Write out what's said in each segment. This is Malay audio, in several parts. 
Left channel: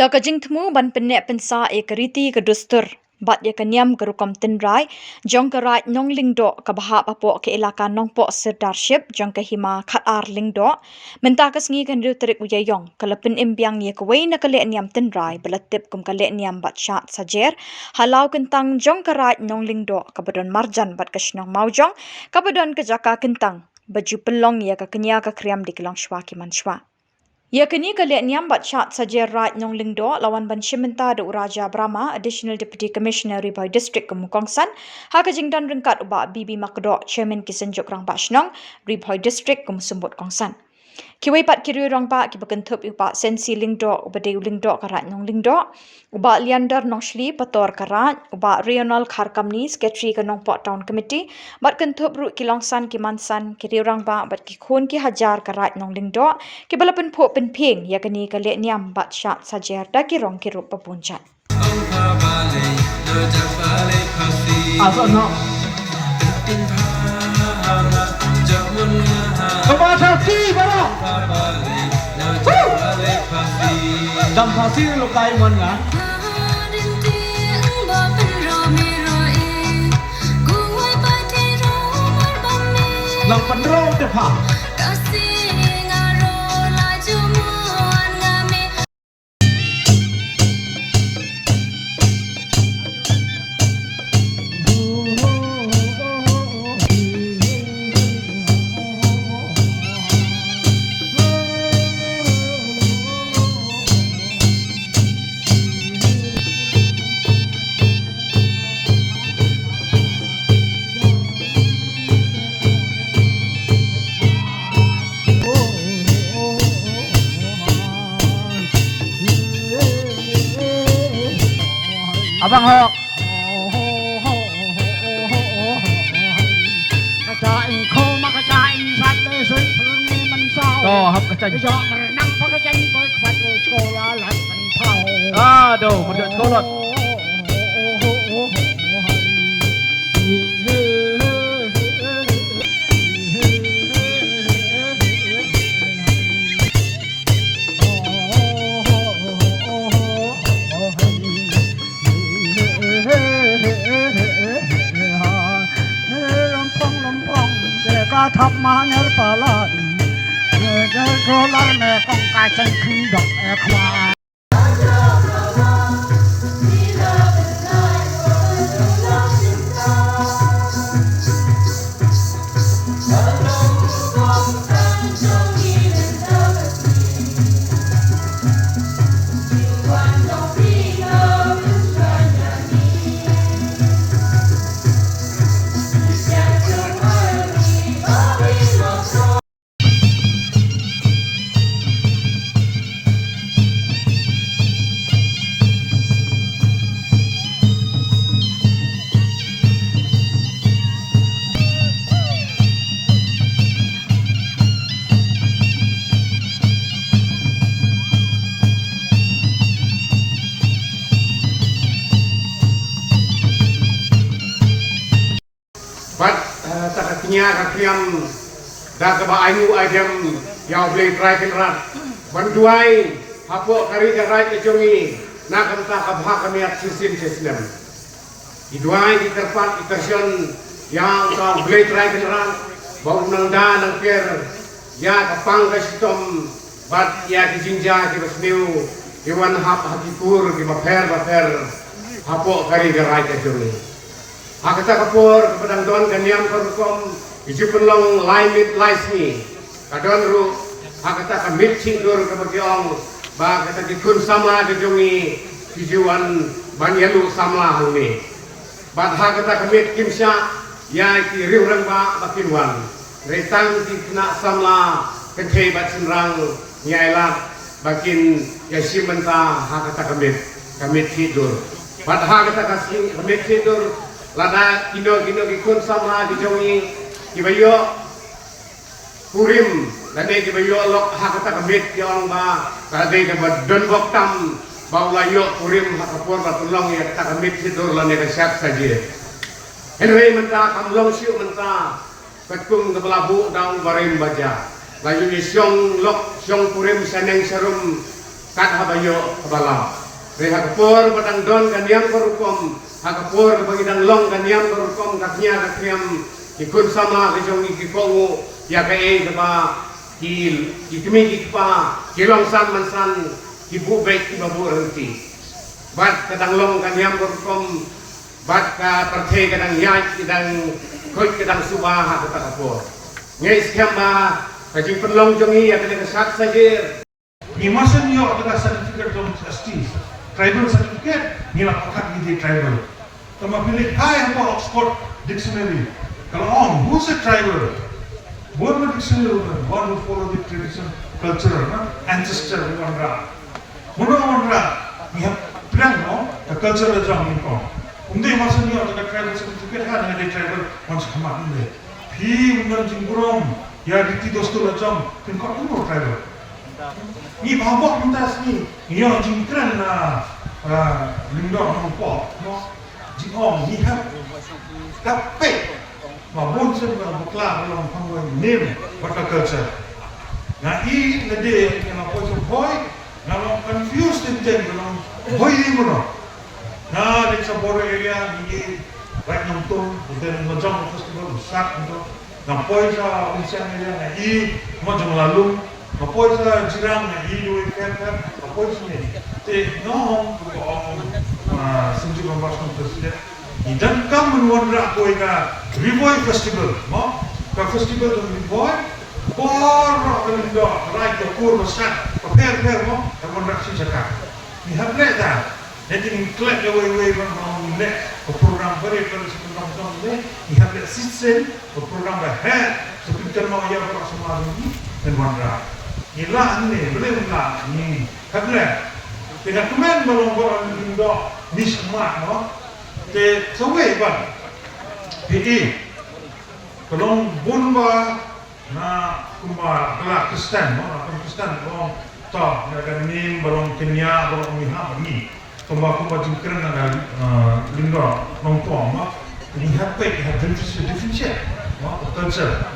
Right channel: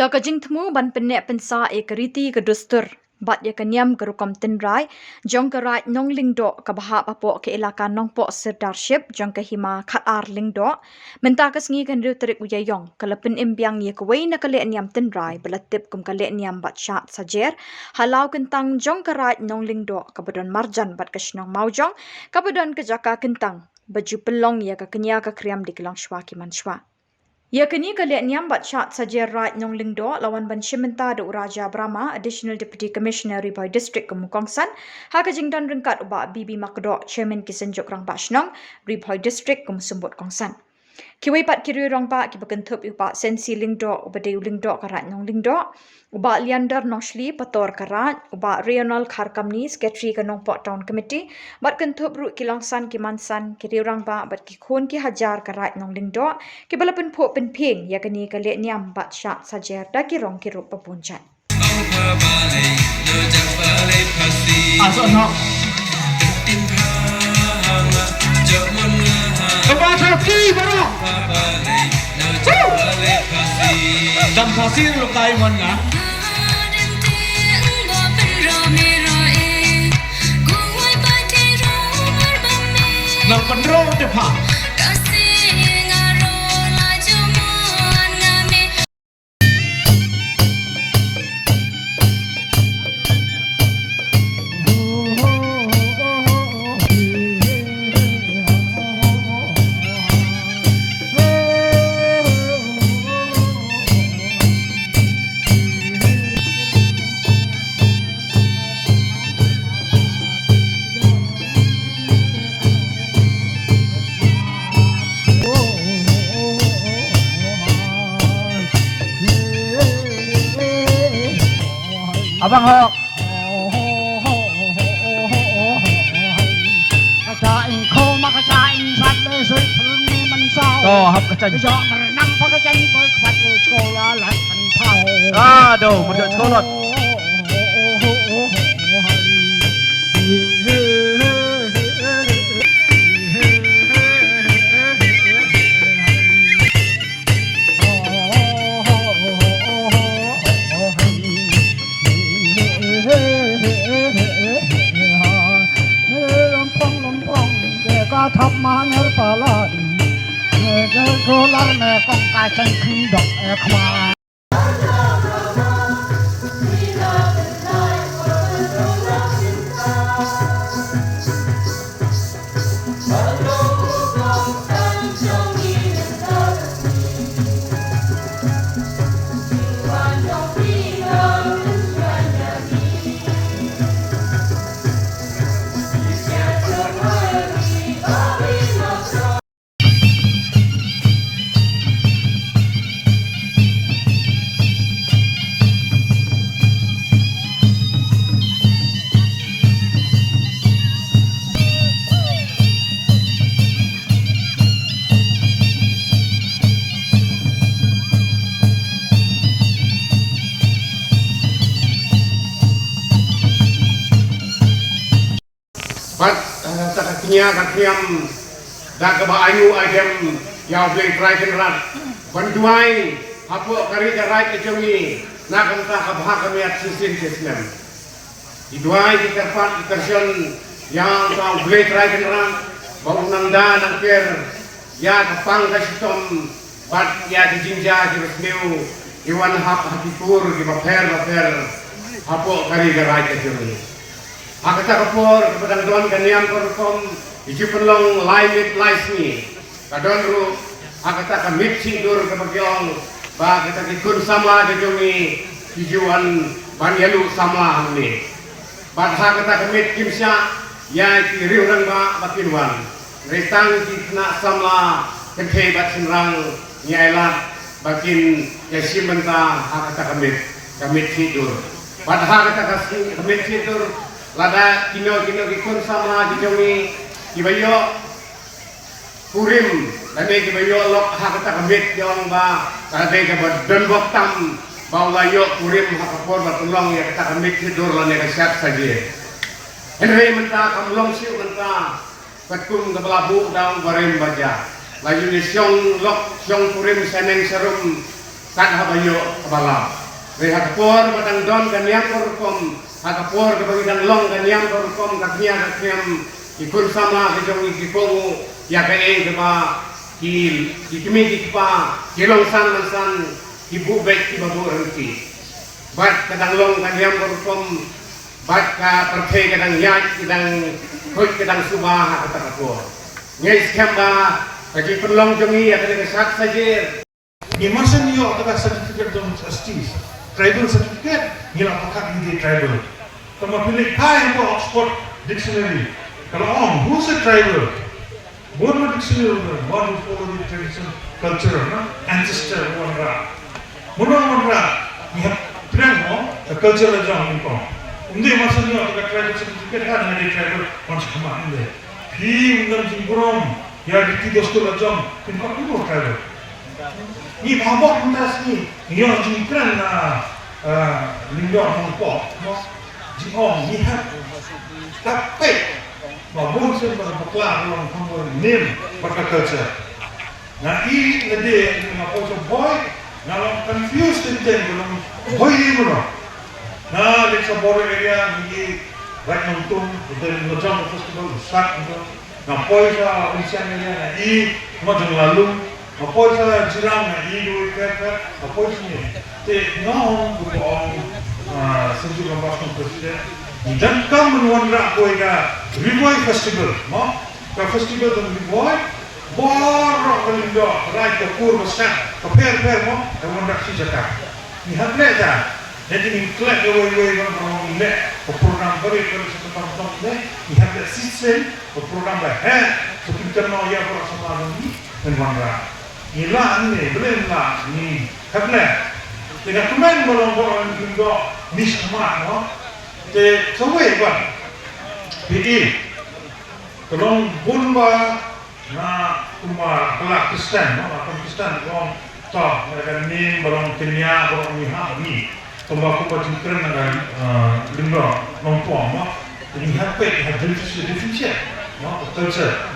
Da kajing temu ban penek pensa keriti kedustur. Bat ya kenyam kerukom tenrai, jong kerat Nonglyngdoh ke bahap apok ke elaka nongpok serdarship, jong ke hima khatar Lingdoh. Mentah kesngi kan riu terik uyayong, kelepin imbiang ye kewei na ke Lehniam tenrai, beletip kum ke Lehniam bat Shad Sajer, halau kentang jong kerat Nonglyngdoh, kabedon marjan bat kesenong maujong, kabedon ke jaka kentang, baju pelong ya ke kenya ke kriam di kilang shwa kiman shwa. Ya kini ke Lehniam bat Shad Sajer Rai Nonglyngdoh lawan ban Shimenta de Uraja Brahma Additional Deputy Commissioner Ribai District Kemukongsan ha kajing dan rengkat ubak Bibi Makdo Chairman Kisenjuk Rang Bashnong Ribai District Kemusumbut Kongsan. Kiwai pat kiri rong ba ki bakentup ubak sensi Lingdoh ubade Lingdoh karat Nonglyngdoh ubak liander noshli pator karat ubak regional kharkamni secretary ke Nongpok Town Committee bat kentup ru kilongsan kimansan kiri rong ba bat ki khun ki hajar karat Nonglyngdoh ki balapen pho penping ya kini ke Lehniam bat Shad Sajer da ki rong kirup pepuncat. Dam pasir lukai mana? Lang pendro tepat. Abang ho. Kacaing ko makacaing sat besok pulmi mansau. Oh, hap kacaing. Besok merenang pakacaing berkuat sekolah lain tahu. Aduh, mudah sekolah. Thắp má nhớ bà lan, nhớ cô lan mẹ con cái chân khi đập khoa. But takatnya kakriam dah keba ayu idem yang boleh try kenrat. Bantuai hapo kari darai kejongi nak kata kabah kamiat sisin sisnem. Iduai diterpat itersion yang kau boleh try kenrat bau nangda nang per ya kapang kasitom bat ya dijinja jeresniu iwan hap hatikur di maper hapo kari darai kejongi. Akata Khubor kepadang don kaniam korukom iju penlong laimit laismi kadon ru akata kamit cindur kebagiong ba kata kikun Samla kejongi ijuan banyalu Samla hangni bat kata kamit kimsya ya ki riurang ba bakinwan retang ki kena Samla kente bat sinrang nyailat bakin yasim menta kata kamit tidur bat kata kamit tidur lada kino kikun Samla dijongi kibayo purim lade kibayo lok hakata kamit yon ba lade kabad donbosco tam baulayo purim hakapor batulong ya kata kamit tidur lane kasyat saja henry menta kamlong siu menta katkum kebelabu daun barem baja laju ni syong lok syong purim seneng serum kat habayo kabala. Reha Khubor batang don kanyam korukom, Khubor kebangidang long kanyam korukom kaknya kakyam ikun Samla kejong ikipongu ya kaeng keba kimi kipa kilong san mansan ibu baik ibu renti. Bat kadang long kanyam korukom bat ka perthai kadang yai kadang koi kadang subah kata Khubor. Nyai skamba kaji penlong jongi ya kadang Sajer. Imasan yo ataka certificate dong ST tribal certificate nila pakat di tribal. Tama pilih hai apa Oxford dictionary. Kalau who's a tribal? One dictionary one who follow the tradition, culture, ancestor one ra. One ra ni plan no culture la jang ni ko. Unde imasan yo ataka tribal certificate kan di tribal one sama unde. Pi unde jinggurom ya di dosto la jang kun ko tribal. Ni bawah lintas ni, ia jingkran na Nonglyngdoh nampak, jong ni hak Peit, babon sebab bukla orang kamu name bakal culture. Nah ini lede kena posong boy, kalau confused tentang kalau boy ni mana? Nah di Khubor area ni right nonton, betul ni macam festival Shad itu, nampak saya Malaysia ni, ini macam lalu. Apa sa jirang na ido ikata apa sini te no ko senju gambar kon presiden dan kam menwandra ko ina Rivoy festival mo ka festival dan Rivoy bor Nonglyngdoh right the poor Shad per mo wandra si jaka ni hable da nanti ni klek we bang ne program beri pada sekolah ni ni hable sistem program ba he sekitar no ya ber sama ni dan wandra Ila ni belum lah ni kakle. Tidak kemen melonggar Nonglyngdoh mismat no. Te sampai kan. Pi. Kalau bunba na kumar kelak Kristen no, Kristen orang tak akan ni balong Kenya balong ni. Tomba ko baju keren na Nonglyngdoh nongtuang no. Ini apa yang differentiate no culture.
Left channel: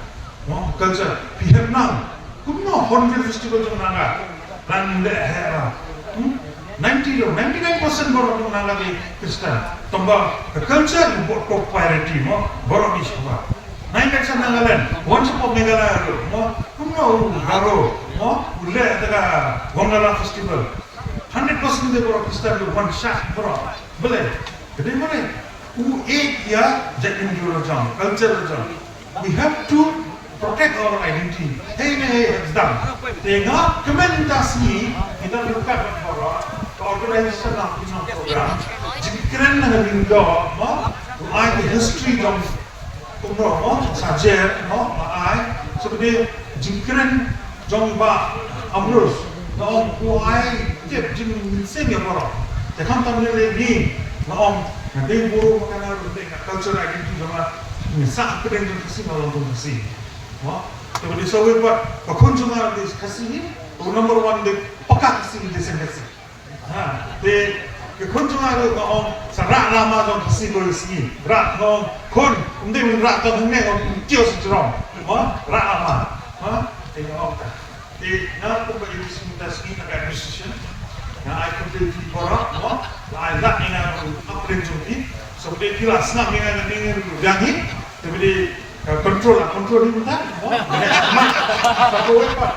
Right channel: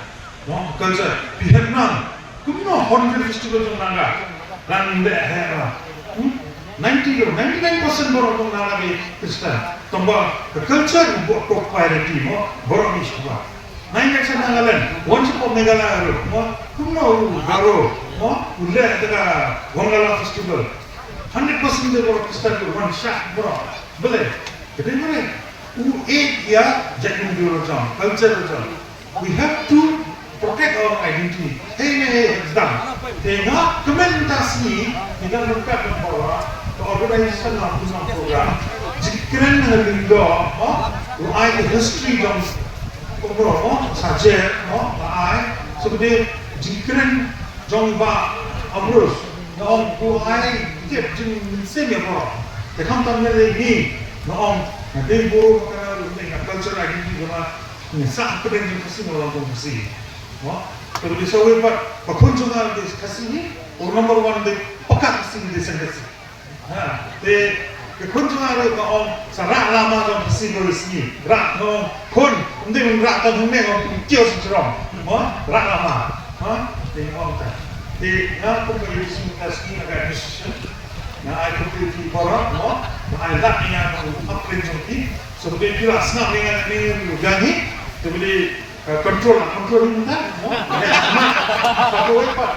No culture. Pihak nang Kumno 100 festival jong naga dan de hera 99% borong naga ke Kristen tomba the culture buat top priority mo borong ni semua 9% nangalen once po Meghalaya mo kumno garo mo ulle daga wangala festival 100% de borong Kristen one shot bro boleh gede mana ya jamin dulu jam culture jam we have to protect our identity. Hey, exam. Tengah komentasi kita dekat bahawa organisasi nasional program jikran Nonglyngdoh, I history dong, Sajer, I seperti jikran jong ba amrus, I jep jing seni apa? Jangan tahu lagi, nanti buru makanan dengan culture identity sama misah pedang jikasi malam jikasi. Kalau di Sawer buat kekunjungan di kasih number one di pekat kasih di sengkasi. Di kekunjungan itu sarak lama jom kasih bersih. Rak non kun, kemudian rak tahun ni kios jerong. Rak lama. Di tak. Di nak pun bagi kasih agak decision. I completely barak. I lak ni yang upgrade jom seperti kilas nak ni gangi. Tapi control ini tak? Satu ekor.